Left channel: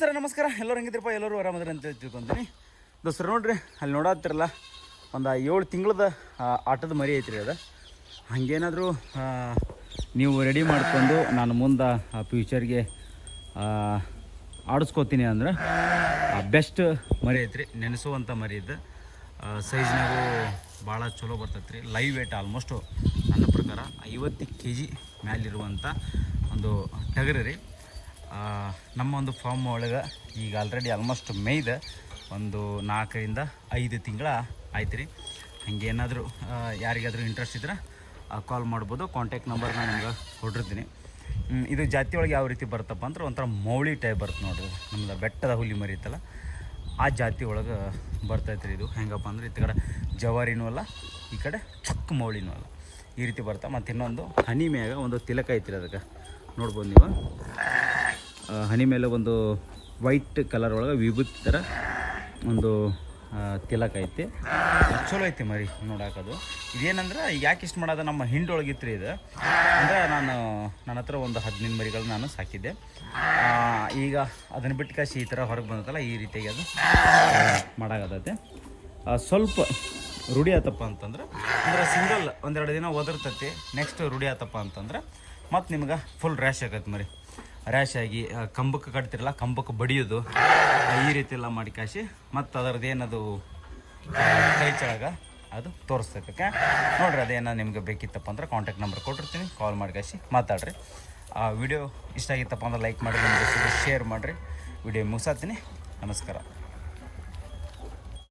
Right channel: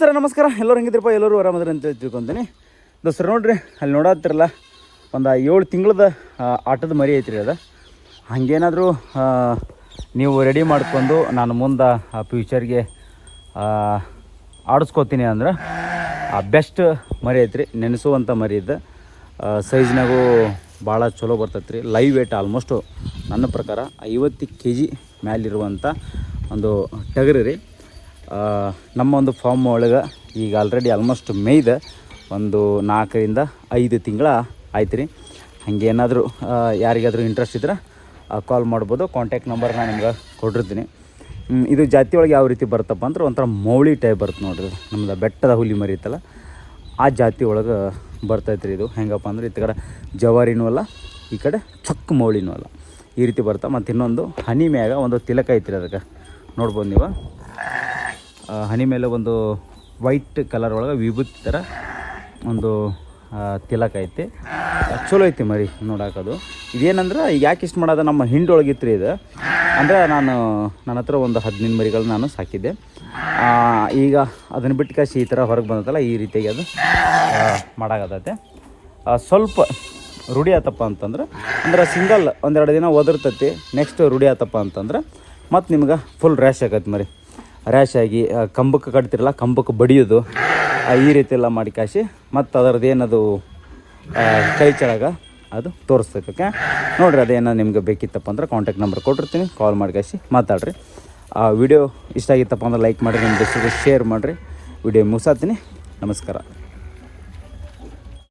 Sir ನಮಸ್ಕಾರ. ಎಲ್ಲರೂ ಹೆಂಗಿದ್ರಪ್ಪ? ಎಲ್ಲರೂ ಆರಾಮದ್ರ ಅಂತೇಳಿ ತಿಳ್ಕೊತೀನಿ. ದೋಸ್ತರು ನೋಡ್ರಿ, ಅಲ್ಲಿ ನೋಡತ್ತಿರಲ್ಲ ಒಂದು 7 ತಿಂಗಳದ ಆಟದ ಮರಿ ಐತ್ರಿ. ಅದು ಹಾಗೇನಾದರೂ ನೀವು ರೆಡಿ ಮಾಡ್ಕೊಂಡು ನಾನು ಮುಂದೆ ಫ್ಯೂಚರ್ಗೆ ಆಡಿಸ್ಕೋತೀನಿ ಅಂದ್ರೆ ಬೆಸ್ಟ್ ಮರಿ ಐತ್ರಿ. ನೆನೆಸುವಂಥ ಮರಿ ಇದ್ದ ಸೈಜ್ನಾಗೂ ಭಾಳ ಚಲೋ ಬರ್ತೈತೆ ರೀ. ಲೈವ್ ವೇಟ್ ಆಲ್ಮೋಸ್ಟು ನನ್ನ ಪ್ರಕಾರ 50 kg ಮೇಲಿರುವಂಥ ಒಂದು ಟಗರು ರೀ. ನಮ್ಮ ಒಂದು ಫಾರ್ಮ್ ಒಳಗೆ ಈಗ ಆಲ್ರೆಡಿ ಆಲ್ಮೋಸ್ಟ್ ಮೇಯ್ದ ಒಂದು 4 ರಿಂದ 5 ತಿಂಗಳ ಆಯ್ತು ರೀ. ಹಾಗೇನಾದರೂ ಯಾರಿಗಾದರೂ ಇಂಟ್ರೆಸ್ಟ್ ಇದ್ರೆ ಕಾಲ್ ಮಾಡ್ಬೋದು. ಕಾಂಟ್ಯಾಕ್ಟ್ ನಂಬರ್ ನಾನು ನಿಮ್ಗೆ ಕೊಟ್ಟಿರ್ತೀನಿ. ಇದು ಜಾತಿ ಒಳಗೆ ಯಾವ ರೀತಿ ಬರ್ತಪ್ಪ ಅಂದ್ರೆ ಒಂಥರ ಮೌಳಿ ಟೈಪ್ ಬರುತ್ತೆ ನೋಡ್ರಿ. ನಮ್ದು ಬೆಟ್ಟದ ಹುಲಿ ಮರಿ ಇತ್ತಲ್ಲ ಆ ಜಾತಿ ಒಳಗೆ ಬರ್ತೈತೆ ರೀ. ಇದು ಹೆಂಗಪ್ಪ ಅಂದ್ರೆ ಈ ಕಡೆ ಜವಾರಿನೂ ಅಲ್ಲ, ಈ ಕಡೆ ಚೊಕ್ಕ ಮೌಳಿನೂ ಅಲ್ಲ, ಈ ರೀತಿ ಬರ್ತಾ. ಮತ್ತು ಇನ್ನೊಂದು ಹನಿ ಮ್ಯಾಗ ಒಂದು ತಿಲಕ ಐತ್ರಿ. ಅದಕ್ಕೆ ನೋಡ್ಬೋದು ನೀವು, ಹನಿ ಮೇಲೆ ಒಂದು ವೈಟ್ ಕಲರ್ ಒಳಗೆ ವಿಭೂತಿ ಥರ ಒಂದು ತಿಲಕ ಐತಿ. ಚಲೋ ಐತಿ ಮರಿ ನೋಡಾಕೋದು. ಇದೇನಂದ್ರೆ ಈಗ ಯಾಕೆ ಇಷ್ಟು ಮಾಡೋದು, ನಮ್ಮ ಹಿಂಡೊಳಗಿತ್ತು ರೀ ಇದು. ಅಂದರೆ ನನ್ನ ಹತ್ರ ಒಂದು 15 ಮರಿಗಳು ನಾನು ಸಾಕಿದ್ದೆ. ಈಗ ಅದನ್ನು ಬಿಟ್ಟು ಕಾಸಿ ಈ ಥರ ಹೊರಗೆ ಬಂದತ್ತಲ್ಲ, ಈ ರೀತಿಯಾಗಿ ಅದು ಮಾಡಾಕತ್ತೈತೆ. ಸ್ವಲ್ಪ ರೂಢಿ ಆತಪ್ಪ ಅಂತಂದ್ರೆ ಸಿಂಗಲ್ ಒಂದೆರಡು ದಿನ ಒದರ್ತೈತಿ. ನೆಕ್ಸ್ಟ್ ರೂಢಿ ಆತಪ್ಪ ಅಂತಂದ್ರೆ ಮತ್ತು ನಿಮ್ಗೆ ಫುಲ್ ರ್ಯಾಶ್ ಆಗತ್ತೆ ಮರಿ. ರ್ಯಾಶ್ ಆಗಿ ಕಂಬಕ್ಕೆ ಕಟ್ತಿರಲ್ಲ, ಕಂಬಕ್ಕೆ ಬಡಿಯೋದು, ಈ ರೀತಿ ಎಲ್ಲ ಮಾಡಿ ಕಾಸಿ ಮತ್ತು ಅದರದ್ದು ಏನದು ಕೈ ಕೆಳಗೆ ಅದು ತೋರಿಸ್ತೈತೆ. ಓಕೆ ನೋಡಿರಿ, ಅದೇನೋ ನಿಮ್ಗೆ ಬೇಕಿತ್ತಪ್ಪ ಅಂದ್ರೆ ಕಾಂಟ್ಯಾಕ್ಟ್ ನಂಬರ್ ಕೊಟ್ಟಿರ್ತೀನಿ, ಕಾಲ್ ಮಾಡಿ ಕಾಸಿ ಮಾತಾಡ್ರಿ. ಆ ವಿಡಿಯೋ ಇಷ್ಟ ಆಗಿತ್ತಪ್ಪ ಅಂದ್ರೆ ಲೈಕ್ ಮಾಡಿರಿ, ನಿಮ್ಮ ದೋಸ್ತರಿಗೆ ಶೇರ್ ಮಾಡಿರಿ. ವಿಡಿಯೋ ಮುಗಿಸಾತೀನಿ. ನಮಸ್ಕಾರ.